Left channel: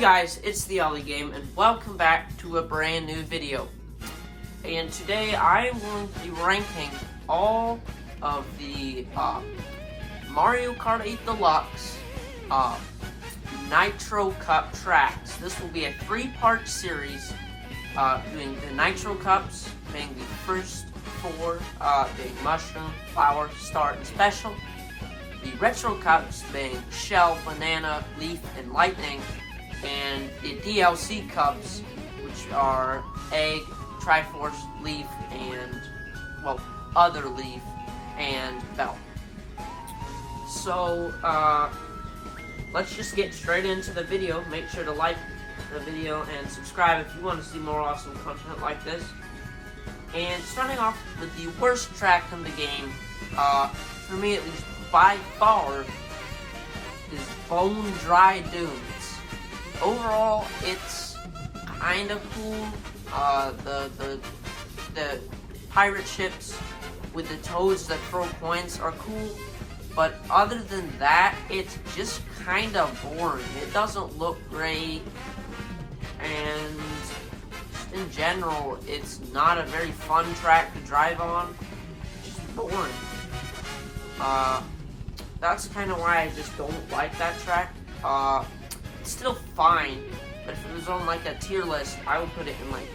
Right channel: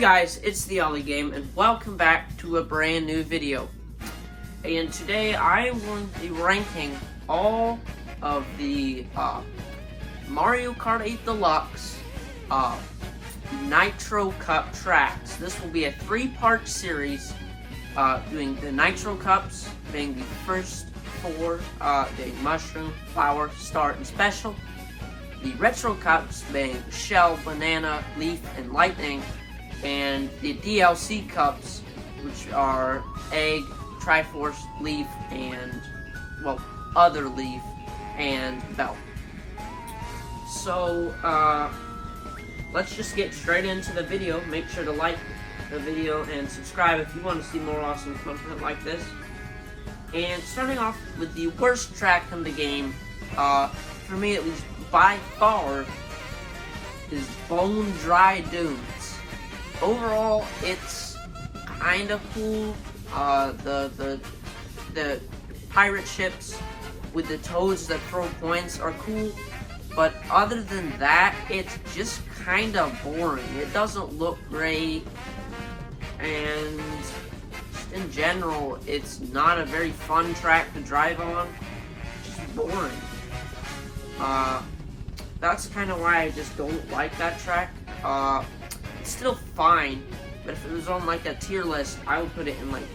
guys, it's the Ollie Game, and welcome back to a brand new video. And today I am going to be ranking all of the Mario Kart 8 Deluxe Nitro Cup tracks. This will be a three-part series, doing the Nitro Cups, being the first four, being Mushroom, Flower, Star, and Special. The Retro Cups being Shell, Banana, Leaf, and Lightning. And the DLC Cups, which are Egg, Triforce, Leaf, and, well, other Leaf, and Bell. So, let's just get straight into the video. Make sure to like the video and subscribe if you want to see more awesome content like this. And starting off with the worst track in the game, for me at least, by far, is Bone Dry Dunes. Overall, it's kind of cool. The pirate ships with the toads that throw points are cool, but other than that, it's just kind of boring. It doesn't look great, and just in general, it's not a very fun track to drive on. It's just boring. That's kind of why I just don't like that track. It's still fine, but if it was on like a tier list, I would put it in like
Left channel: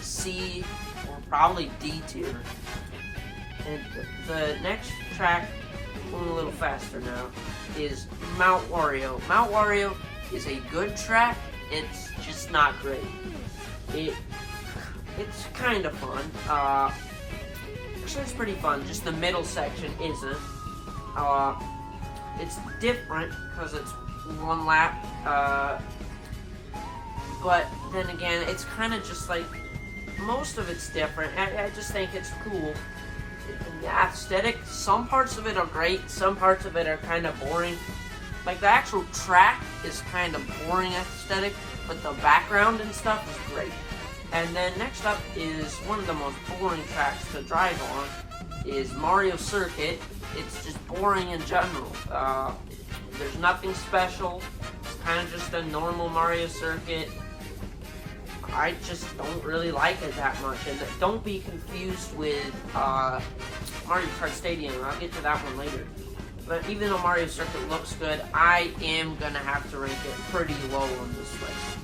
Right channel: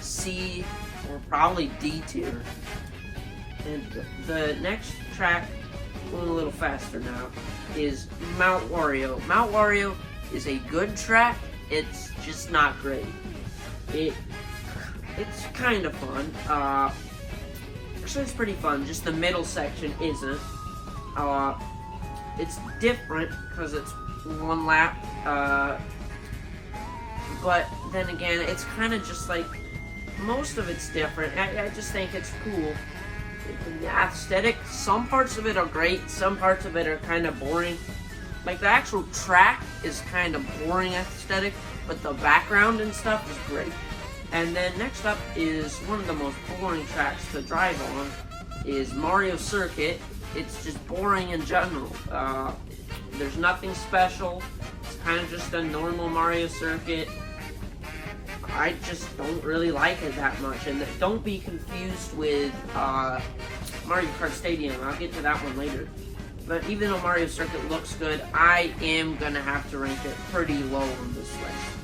C or probably D tier. And the next track, going a little faster now, is Mount Wario. Mount Wario is a good track, it's just not great. It's kind of fun. Actually, it's pretty fun, just the middle section isn't. It's different because it's one lap, but then again, it's kind of just like, most of it's different. I just think it's cool. The aesthetic, some parts of it are great, some parts of it are kind of boring. Like, the actual track is kind of boring aesthetic, but the background and stuff is great. And then next up is one of the most boring tracks to drive on, is Mario Circuit. It's just boring in general. There's nothing special. It's kind of just a normal Mario Circuit. I just don't really like it that much. And don't be confused with Mario Kart Stadium. I'll get to that one later. But even though Mario Circuit looks good, I am going to have to rank it pretty low on this list.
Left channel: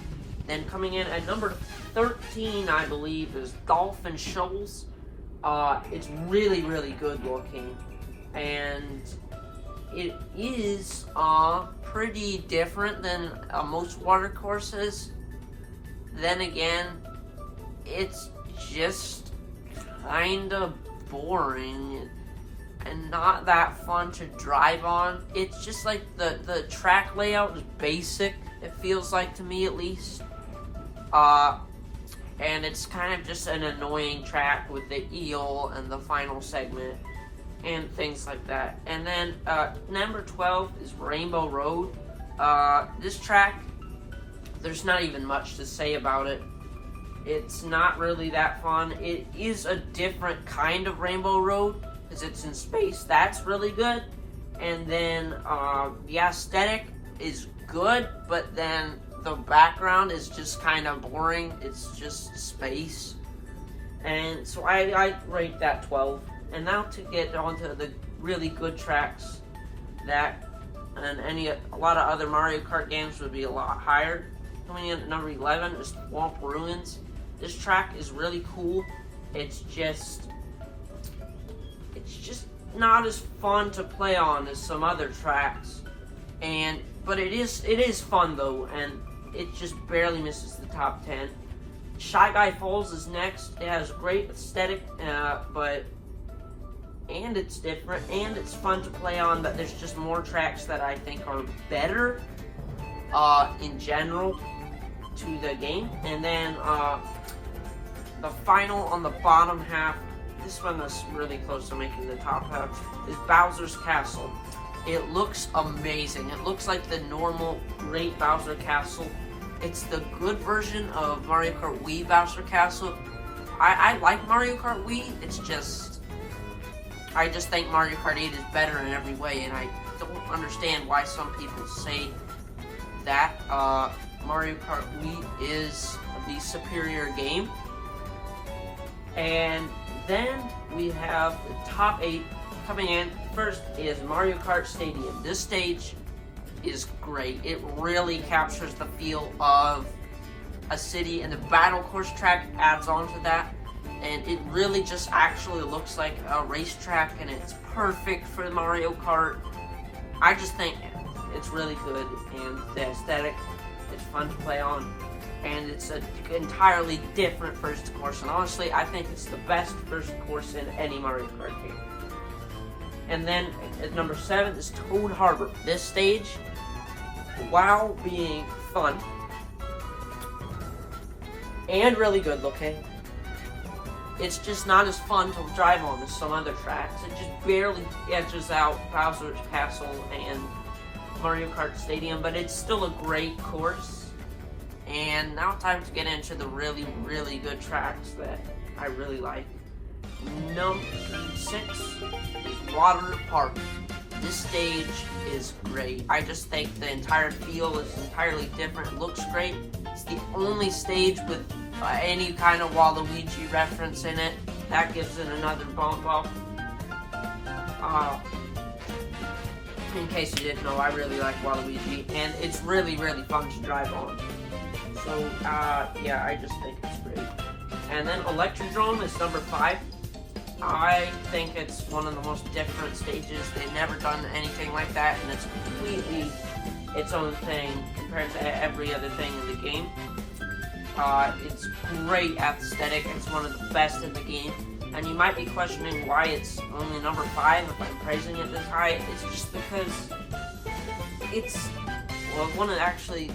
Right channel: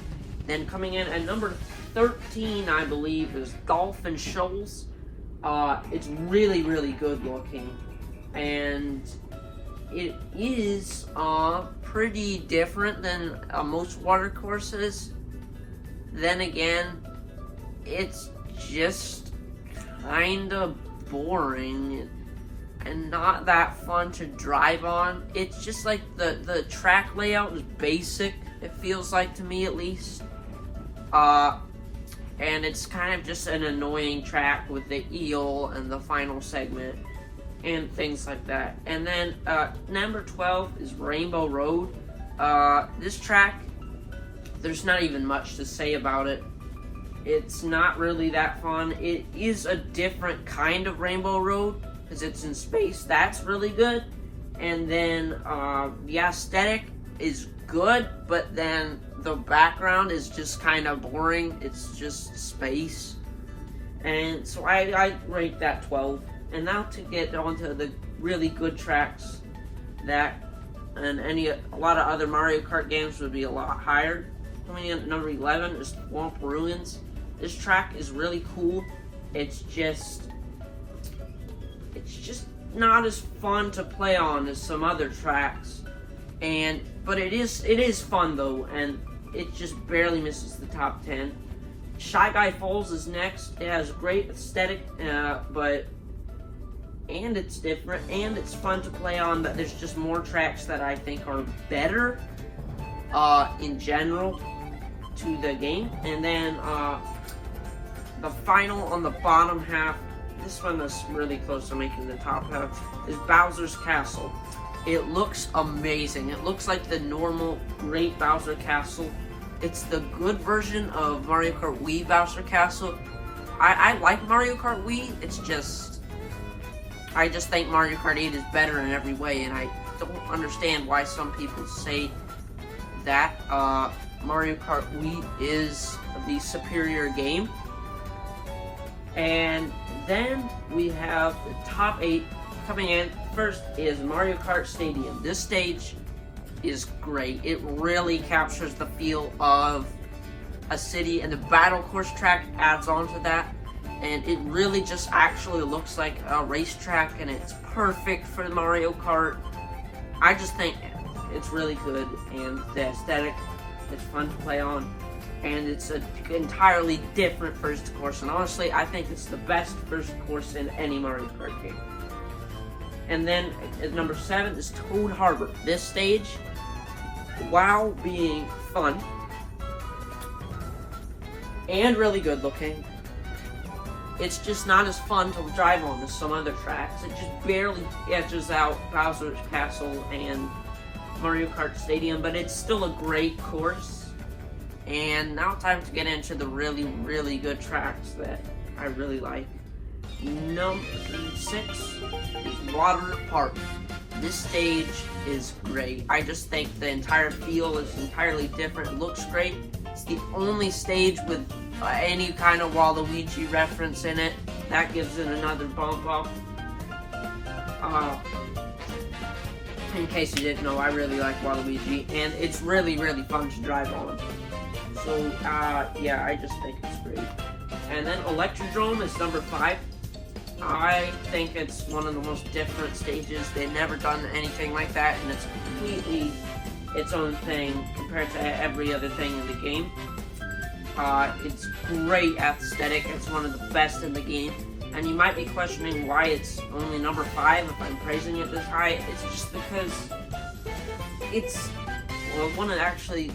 Then coming in at number 13, I believe, is Golf and Shoals. It's really, really good looking. And it is pretty different than most water courses. Then again, it's just kind of boring and not that fun to drive on. It's just like the track layout is basic, it feels like to me at least. And it's kind of just an annoying track with the eel and the final segment and things like that. And then number 12 is Rainbow Road. This track, there's not even much to say about it. It's not really that fun. It is a different kind of Rainbow Road because it's in space. That's really good. And then the aesthetic is good, but then the background is just kind of boring. It's just space. And so I rate that 12. And now to get onto the really good tracks that and a lot of other Mario Kart games would be a lot higher. Coming in at number 11 is Swamp Ruins. This track is really cool. It's just not as fun to play on as some other tracks. But it is fun though, and it just barely misses the top 10. Shy Guy Falls is next. It has great aesthetic, and it's different, and it's fun to play on, but there's just more tracks that I think are better in general to the game. And then the final on the bottom half, this one is really close to making the top half, is Bowser's Castle. It looks amazing. It looks like the normal great Bowser Castle. It's the good version of Mario Kart Wii Bowser Castle. I like Mario Kart Wii, it's just, I just think Mario Kart 8 is better in every way, and I don't understand why some people say that. Mario Kart Wii is the superior game. And then we have the top 8 coming in. First is Mario Kart Stadium. This stage is great. It really captures the feel of a city, and the battle course track adds on to that. And it really just actually looks like a racetrack, and it's perfect for Mario Kart. I just think it's really good, and the aesthetic, it's fun to play on. And it's an entirely different first course, and honestly, I think it's the best first course in any Mario Kart game. And then at number 7 is Toad Harbor. This stage, while being fun and really good looking, it's just not as fun to drive on as some other tracks. It just barely edges out Bowser's Castle and Mario Kart Stadium, but it's still a great course. And now time to get into the really, really good tracks that I really like. Number 6 is Water Park. This stage is great. I just think the entire feel is entirely different. It looks great. It's the only stage with any kind of Waluigi reference in it. That gives it another bump up. In case you didn't know, I really like Waluigi, and it's really, really fun to drive on. So, yeah, I just think it's great. And then Electrodrome is number 5. I think it's one of the most different stages. They've never done anything like that, and it's completely its own thing compared to every other thing in the game. It's great aesthetic. It's one of the best in the game. And you might be questioning why it's only number 5 if I'm praising it this high. It's just because it's, well, one of actually,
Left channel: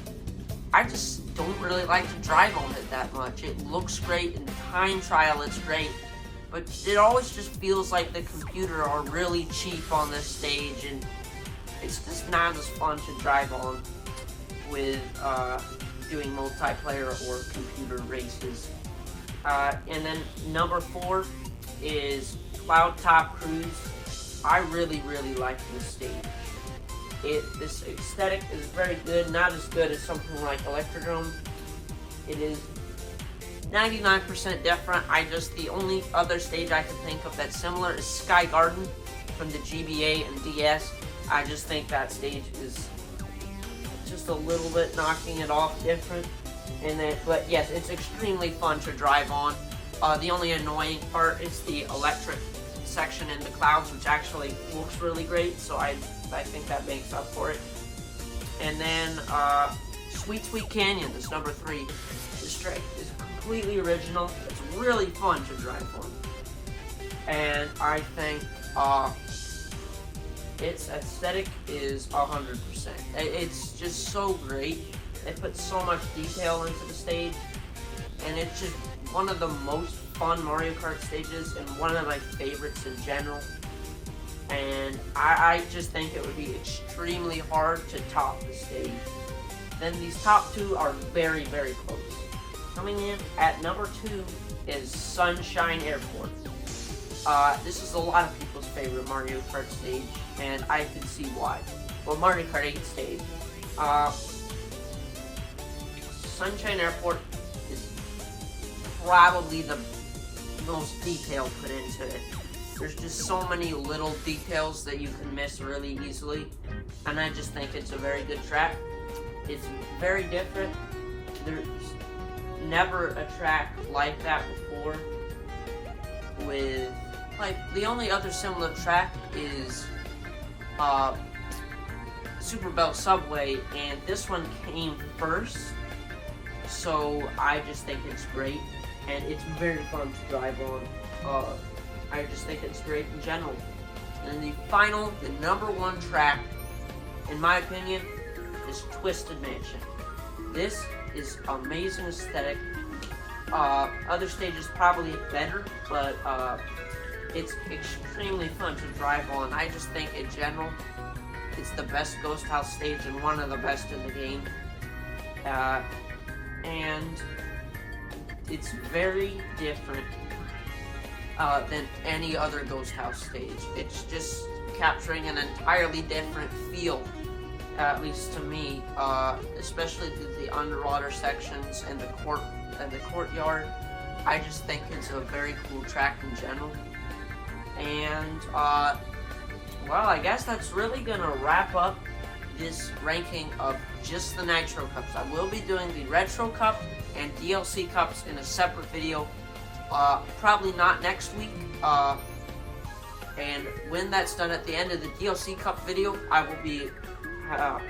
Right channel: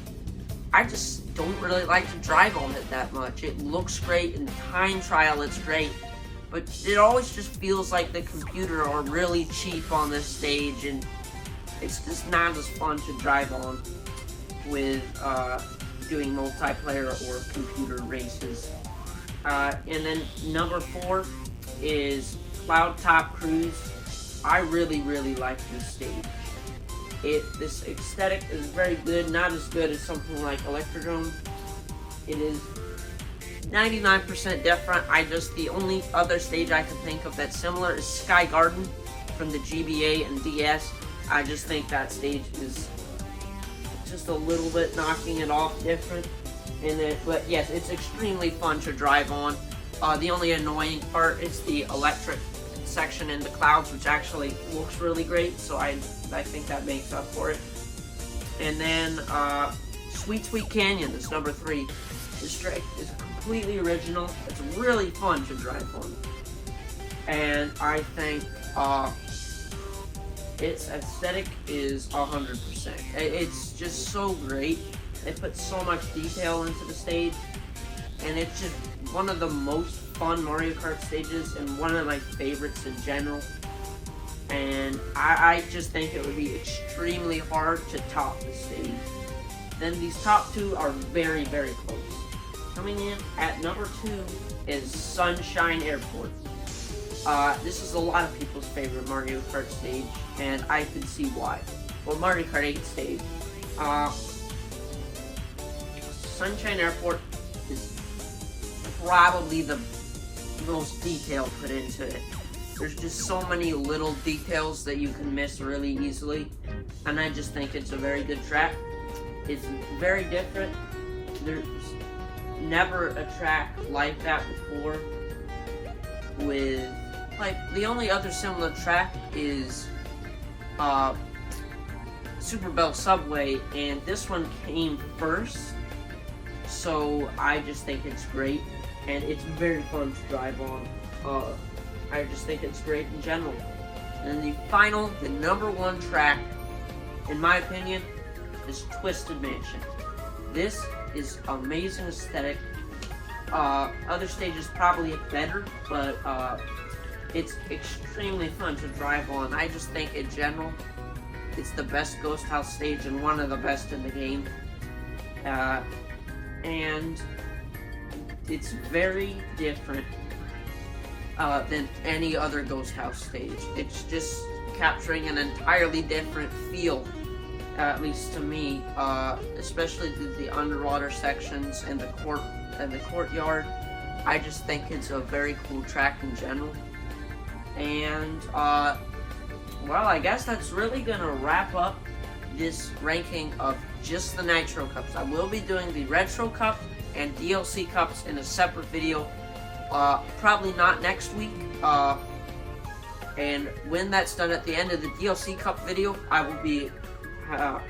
I just don't really like to drive on it that much. It looks great, in time trial it's great, but it always just feels like the computer are really cheap on this stage, and it's just not as fun to drive on with doing multiplayer or computer races. And then number 4 is Cloudtop Cruise. I really, really like this stage. This aesthetic is very good, not as good as something like Electrodrome. It is 99% different. The only other stage I can think of that's similar is Sky Garden from the GBA and DS. I just think that stage is just a little bit knocking it off different. But yes, it's extremely fun to drive on. The only annoying part is the electric section in the clouds, which actually looks really great, so I think that makes up for it. And then Sweet Sweet Canyon is number 3. This track is completely original. It's really fun to drive on, and I think its aesthetic is 100%. It's just so great. They put so much detail into the stage, and it's just one of the most fun Mario Kart stages and one of my favorites in general. And I just think it would be extremely hard to top the stage. Then these top 2 are very, very close. Coming in at number 2 is Sunshine Airport. This is a lot of people's favorite Mario Kart stage, and I can see why. Well, Mario Kart 8 stage. Sunshine Airport is probably the most detail put into it. There's just so many little details that you can miss really easily, and I just think it's a very good track. It's very different. There's never a track like that before. With, like, the only other similar track is Super Bell Subway, and this one came first, so I just think it's great, and it's very fun to drive on. I just think it's great in general. And the number 1 track, in my opinion, is Twisted Mansion. This is amazing aesthetic. Other stages probably better, but it's extremely fun to drive on. I just think in general, it's the best Ghost House stage and one of the best in the game. And it's very different than any other Ghost House stage. It's just capturing an entirely different feel at least to me, especially the underwater sections and the courtyard. I just think it's a very cool track in general. And well, I guess that's really gonna wrap up this ranking of just the Nitro Cups. I will be doing the Retro Cup and DLC Cups in a separate video, probably not next week. And when that's done, at the end of the DLC Cup video, I will be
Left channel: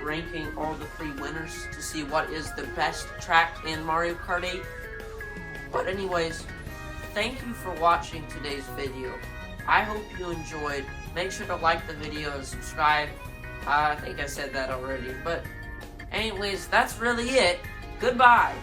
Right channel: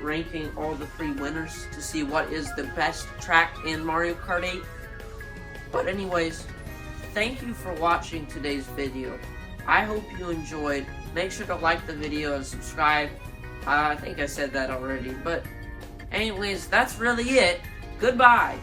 ranking all the 3 winners to see what is the best track in Mario Kart 8. But anyways, thank you for watching today's video. I hope you enjoyed. Make sure to like the video and subscribe. I think I said that already. But anyways, that's really it. Goodbye.